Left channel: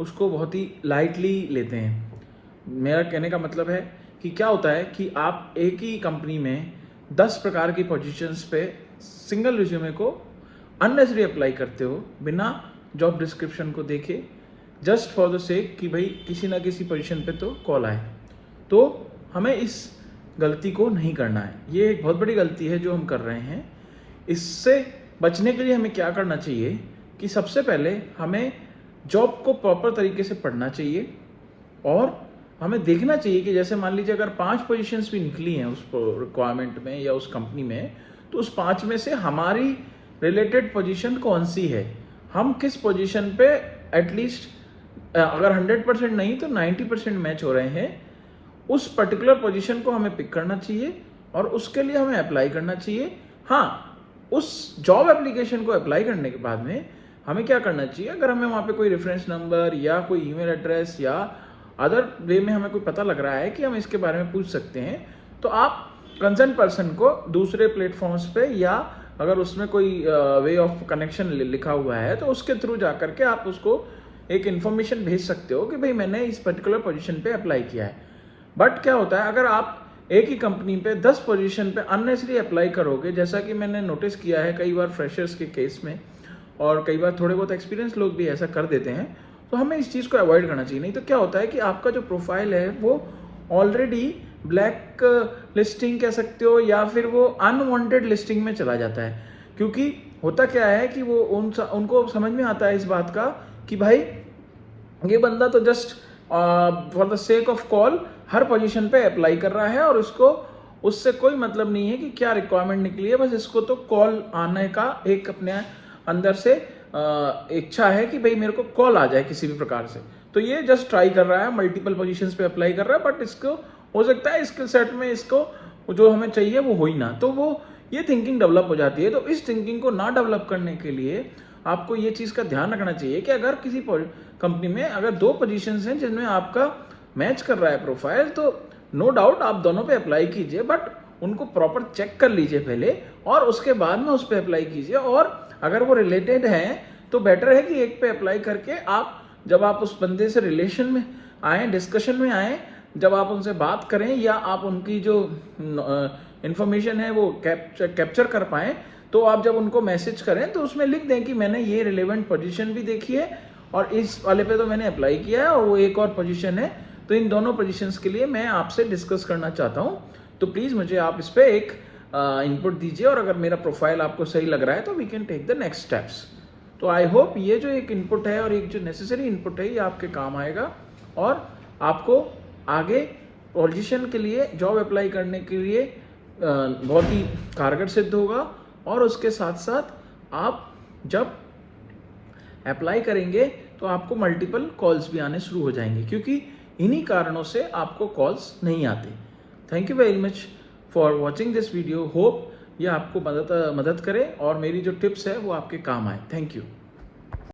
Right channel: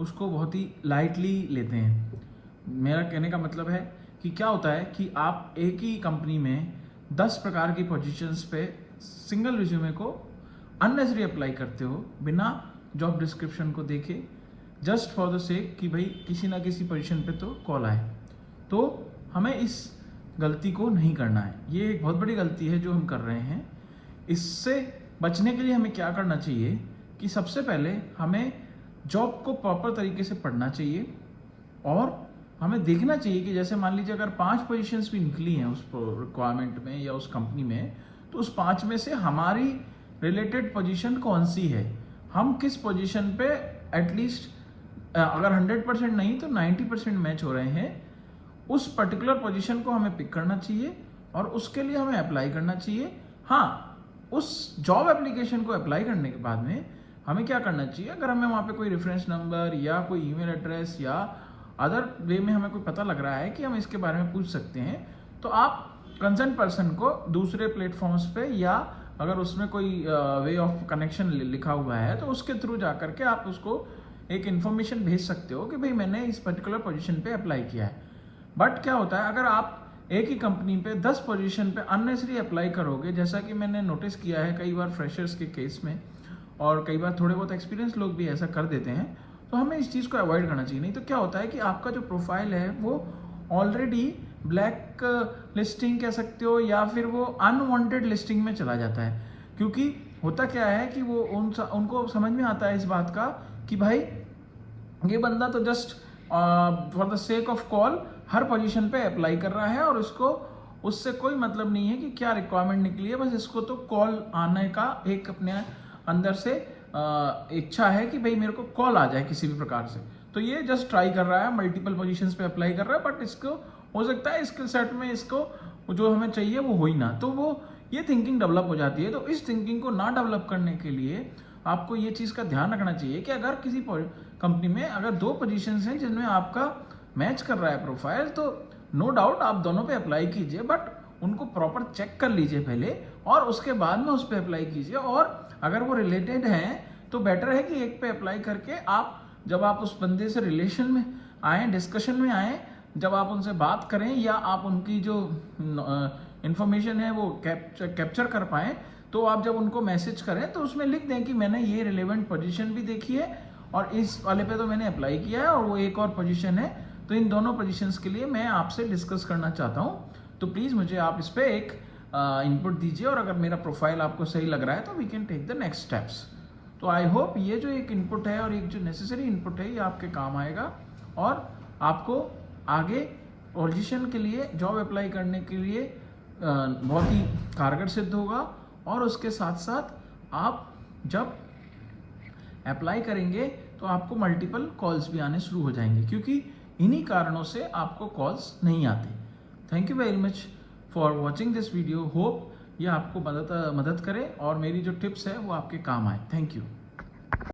उसको बहुत ही लाइटली लेते हैं। मेरा कहने का मतलब है कि क्या होता है कि आप एक ही कंपनी में 10 प्रकार की पोजीशंस पे सिंगल रिज्यूमे को अननेसेसरी अप्लाई करते हो बिना जॉब डिस्क्रिप्शन को देखे, जस्ट फॉर द सेक कि भाई किसी ना किसी पोजीशन पे तो कॉल आए। तो हमें इस गलती को नहीं करना है। ये एक बहुत बड़ी गलती है जो हम कर रहे हैं। इससे बचने के लिए हमें क्या करना चाहिए कि सबसे पहले हमें जॉब को प्रॉपर तरीके से पढ़ना चाहिए और हमें देखना चाहिए कि जैसे मान लीजिए अगर 5 पोजीशंस भी निकली हैं उस रिक्वायरमेंट में या उस कंपनी में, तो उस 5 में से हमारी रिलेटेड पोजीशन कौन सी है, हम किस पोजीशन पे एटलीस्ट अगर 100% नहीं तो 90% मैच हो रहे हैं, उस पर्टिकुलर पोजीशन को हमें पिक करना चाहिए और उसके लिए हमें अप्लाई करना चाहिए। हाँ, उस जॉब एप्लीकेशन को अप्लाई करने के बाद में हमें क्या करना चाहिए, अगर हमें वहाँ पे कोई रेफरेंस नंबर या कोई ईमेल एड्रेस या अदर वे में हमें कोई पता लग रहा है कि हम इसके बारे में पूछ सकते हैं, तो आप कंसर्न पर्सन को दूसरे प्लेटफॉर्म्स पे या अगर उसमें कोई वे ऑफ कनेक्शन लिखा हुआ है तो उसके थ्रू जा करके आप उसको एक इन्फॉर्मेशन भेज सकते हो कि भाई मैंने इस पर्टिकुलर पोजीशन पे अप्लाई किया है। बट क्या होता है, अगर आप एक ही कंपनी पे 10 पोजीशन पे अननेसेसरी अप्लाई करोगे, जैसा कि मैंने नोटिस किया है कई बार फ्रेशर्स के केस में और कई बार थोड़े बहुत एक्सपीरियंस लोग भी ऐसा कर देते हैं, तो हमें इस चीज़ को अवॉइड करना चाहिए। नहीं तो क्या होता है कि आपका जो प्रोफाइल है वो ऑलरेडी ब्लैक लिस्टिंग कह सकते हो या फिर वो अनवांटेड लिस्टिंग में चला जाता है। क्योंकि होता क्या है कि वो उनको समझ में आता है इस बात का कि भाई ये बंदा तो just for the sake of call her position पे अप्लाई कर रहा है और इसको उससे कोई मतलब नहीं है कि क्या रिक्वायरमेंट निकली है, बस इसको तो कॉल आने का एक अपने अंदर से इच्छा है कि भाई मेरे को कॉल आ जाए किसी भी प्रकार से। तो ये जस्ट ट्राई कर रहा है, मल्टीपल पोजीशंस पे अप्लाई कर रहा है, बट इसको हो सकता है स्किल सेट में इसको जो हमें चाहिए वो हो ही ना, तो वो ये थिंकिंग डेवलप हो जाती है। तो इस थिंकिंग को ना डेवलप करने के लिए आपको ये चीज़ का ध्यान रखना चाहिए कि अगर किसी कंपनी में अगर 2 पोजीशंस हैं जिनमें आपका मैच कर रहा है प्रोफाइल, तो नो डाउट आप दोनों पे अप्लाई कीजिए, बट उनको प्रॉपर चेक कर लीजिए पहले और उसके बाद में उस पर अप्लाई कीजिए। और अगर वो रिलेटेड हैं तो बेटर है कि एक पे अप्लाई करके आप जब आप उस बंदे से रिलेशन में आए, डिस्कशन में आए, जब आप उनसे बात करें या आप उनकी जो इंफॉर्मेशन है वो कैप्चर कर पाएँ, तो आप जब उनको मैसेज करें तो उसमें लिख दें कि मैंने ये रिलेवेंट पोजीशन भी देखी है और इस वाले पे तो मैंने अप्लाई किया है और वो एक और पोजीशन है, तो इन दोनों पोजीशंस के लिए मैं आपसे डिस्कस करना चाहता हूँ, तो प्लीज़ मुझे आप इस पर एक इनपुट दीजिए और अगर मेरा प्रोफाइल आपको सही लग रहा है तो we can take the next steps. तो आई होप ये जो एक इनपुट है और एक जो नेसेसरी इनपुट है ये आपके काम आएगा और आपको आगे पोजीशन के लिए जॉब अप्लाई करने के लिए बहुत ही कारगर सिद्ध होगा। और उसके साथ साथ आप जब अप्लाई करेंगे तो आपको मल्टीपल कॉल्स भी आने शुरू हो जाएंगे, क्योंकि इन्हीं कारणों से आपको कॉल्स नहीं आते। Thank you very much for watching this video. Hope ये आपको मदद करे और मेरी जो टिप्स है वो आपके काम आए। Thank you.